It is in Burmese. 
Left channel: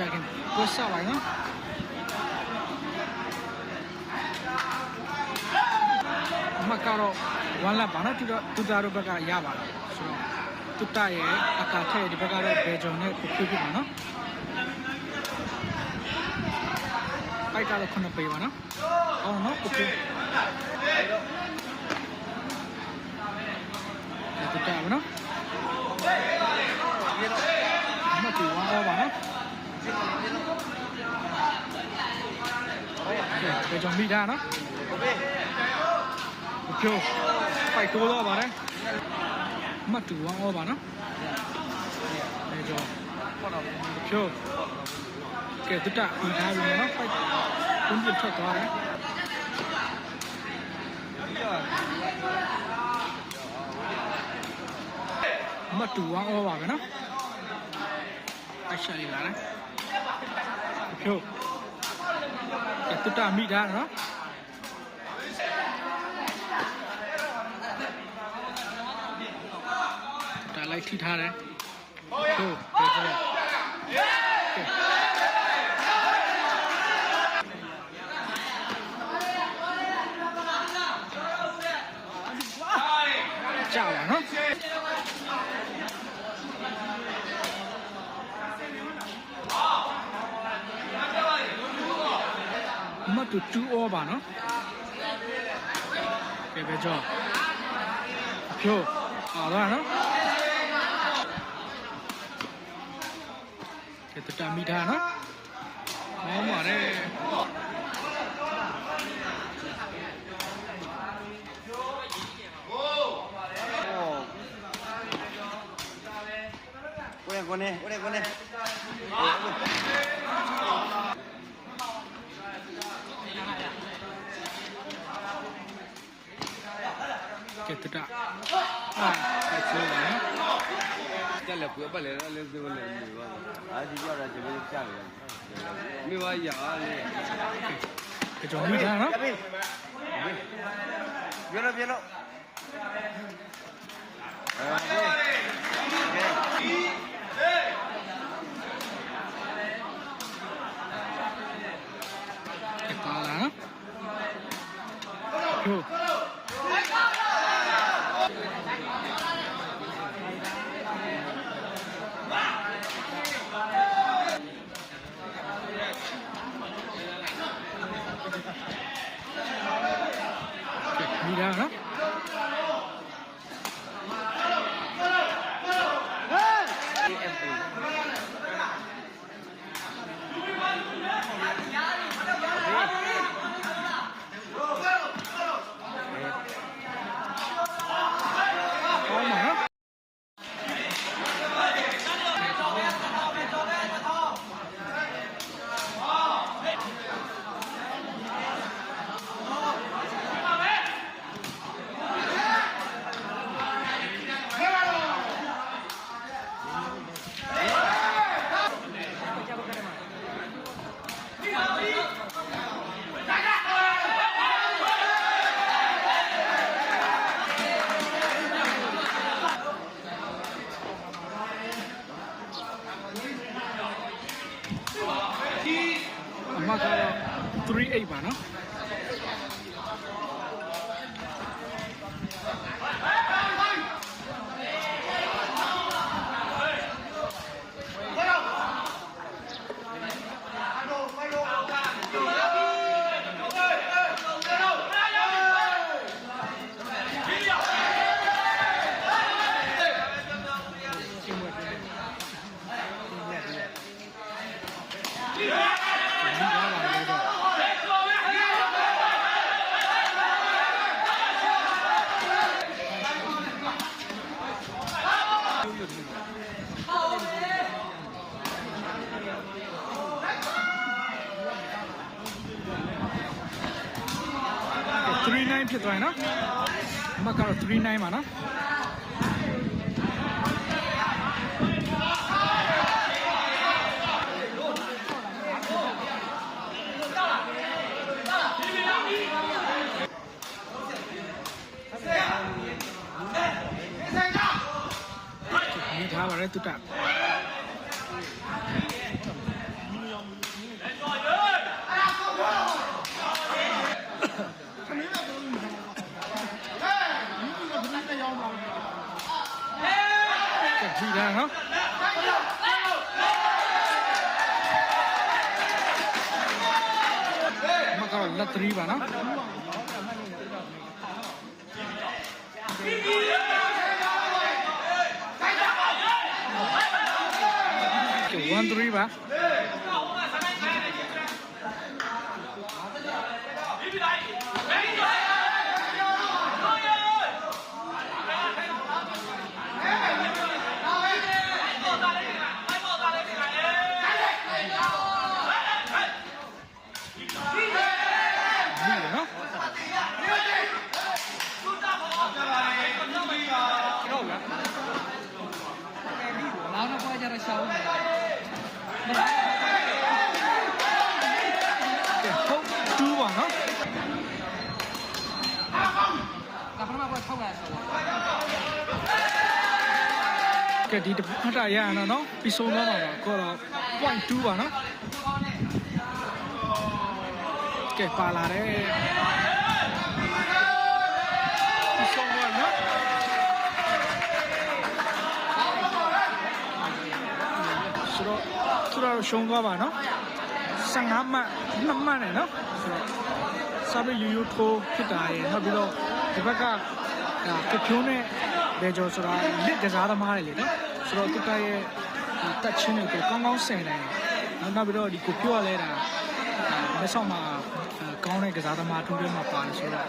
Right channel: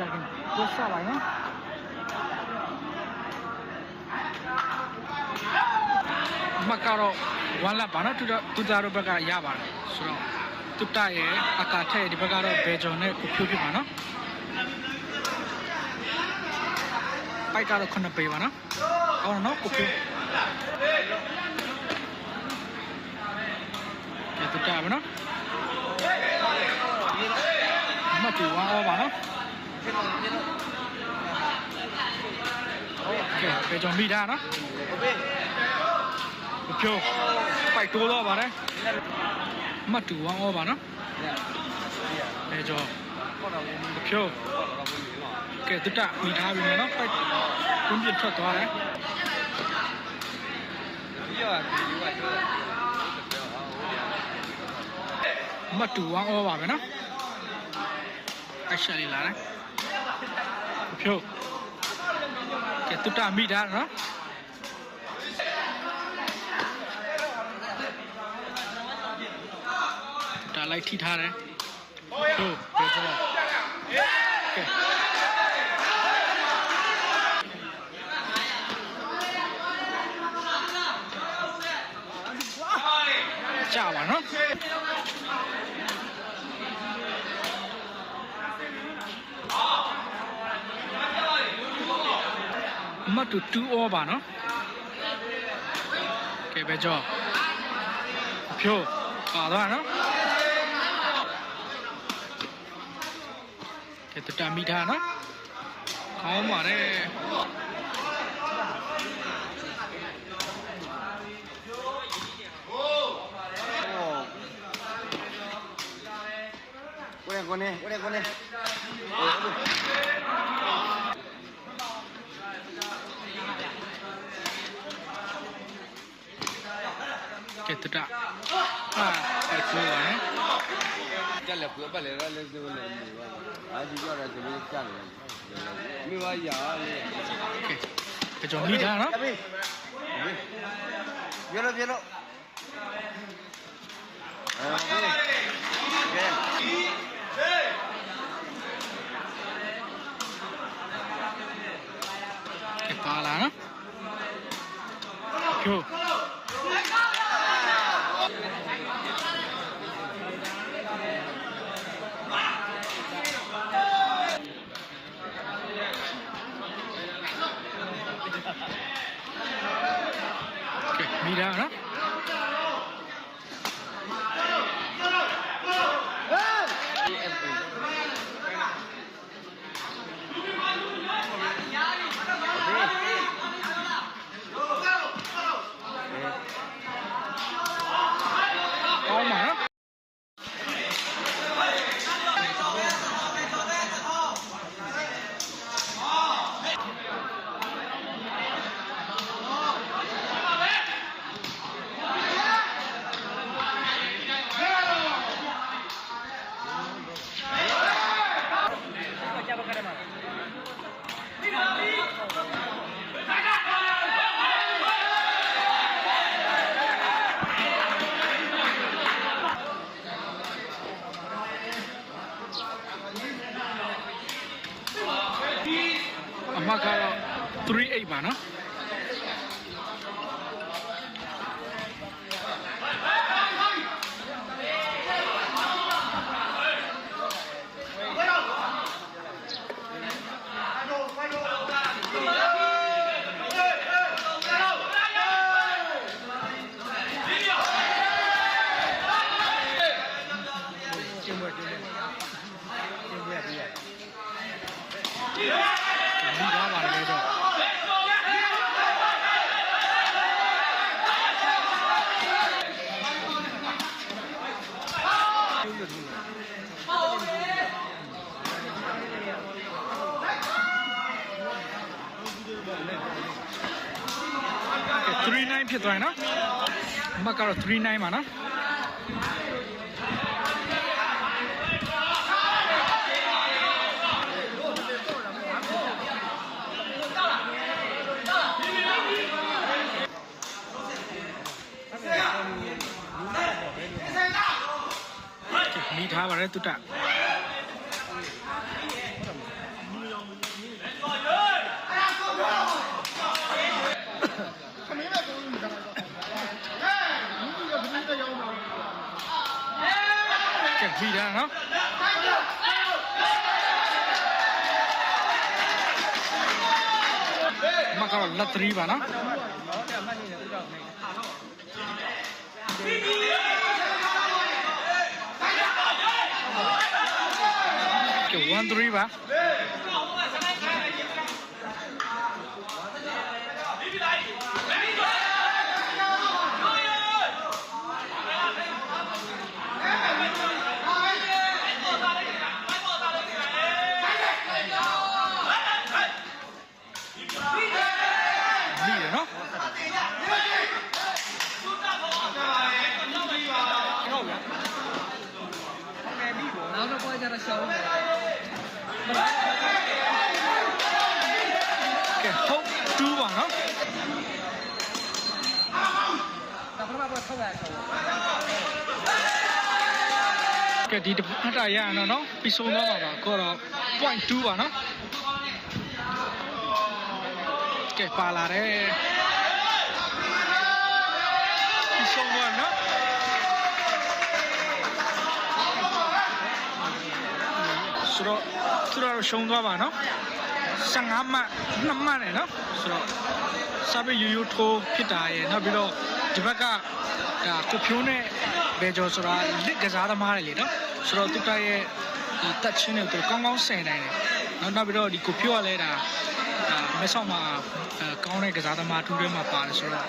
ကြာခင်ကိုစပါနော်အမကတော့1လပ်ပါနော်တူတော့တူတာတို့ဘက်ကရပါတယ်ဆိုတော့တူတာရဲ့အကာထက်ဒီဘက်ကတော့ဘယ်ဂျုံနဲ့ကိုဖြိုးဖြစ်ပါနော်ပိုက်ကတော့9ပေပါနော်ကောင်းတယ်နော်ကိုဖြိုးဒီတူတာပါနော်အမတူဝါအောပါနော် ကဲဘယ်ဂျုံမိတာနော်ကိုဖြိုးပိုက်တိုးတော့ပါတယ်အမတူဝါအောပါနော်ဘယ်ဂျုံကိုဖြိုးကဲတူတာမိထားပြီနော်ပိုက်ကွန်းပြထွက်သွားတယ်မတူဝမ်းဩပါပဲနော်အရှာလေးလာတယ် ဖြုတ်ကဲတူတာမိတာနော်တာလိုက်ထိထားတယ်ဖြုတ်ပဲကြောကဲကြာပါနော် မတ်တူ2 over နော်ကဲပဲကြောအဖြိုးပါသွားနော်ကဲတတမိထားနော်ကောင်းပါတယ်ကိုရကိုနေကိုရကိုနေကဲတတအာအဲ့ဆိုပါနော် ကလည်းပြပတ်လေလ ည်းဒီလိုလည်းနေပါအာဒီကတော့ဒီလိုကြားတယ်မိဘရာလေ ကဲကဲကြောမိထားနော် ပြလို့ပြလို့အဲ ကဲပါလာနော်ဖြိုးကဲမိထားနော် ဒီ FA ကောင်းပါနော်အ မှတ်ကတော့38ပါနော်မိသားပါတယ်ပဲတော့ကဲ 39ဖြစ်သွားရင်နော်အမတ်ကတော့39ပါနော်မိထားပါတယ်တုတ္တ ကက်ဖီတန်းနော်မကတော့လက်3ပါနော်1 3ပါ နော်ဟုတ်လားနောက်တော့ပွဲကြတော့ရှောင်းတယ်ကဲဟုတ်2ပါနော်နောက်ဘယ်မှာတော့ထုတ်ရတယ်ဆိုတော့ကဲဒီတစ်ဖက်တာရအောင်နော်ပြီးဆုံးသွားပါပါကောတော့ point 2ပါနော် ကဲပါလာတယ်ပြီးဆုံးသွားနော်ဆိုတော့သူတို့ရှုံးသွားပါနော်15မှတ်2မှတ်နဲ့နော်ဆိုတော့စာပေယူယူထိုးဖြစ်တာရယ်နောက်ပြီးတော့ဒီဘက်ကဒါကိုဖြိုးနဲ့ဘယ်ကျော်ဆိုတာလစ်ကစားသမားတွေလေနော်ဆိုတော့သူကရဲ့ဒီတက်ချင်းတွေကိုသူကောင်းကောင်းဆင်နိုင်တယ်နောက်နောက်ပြီးတော့ဒီကိုဖြိုးကလည်းဒါဒါမဲဆောက်မှာအဲ ကောင်းတဲ့ကစားသမားထူးထဲမှာပါတယ်ဆိုတော့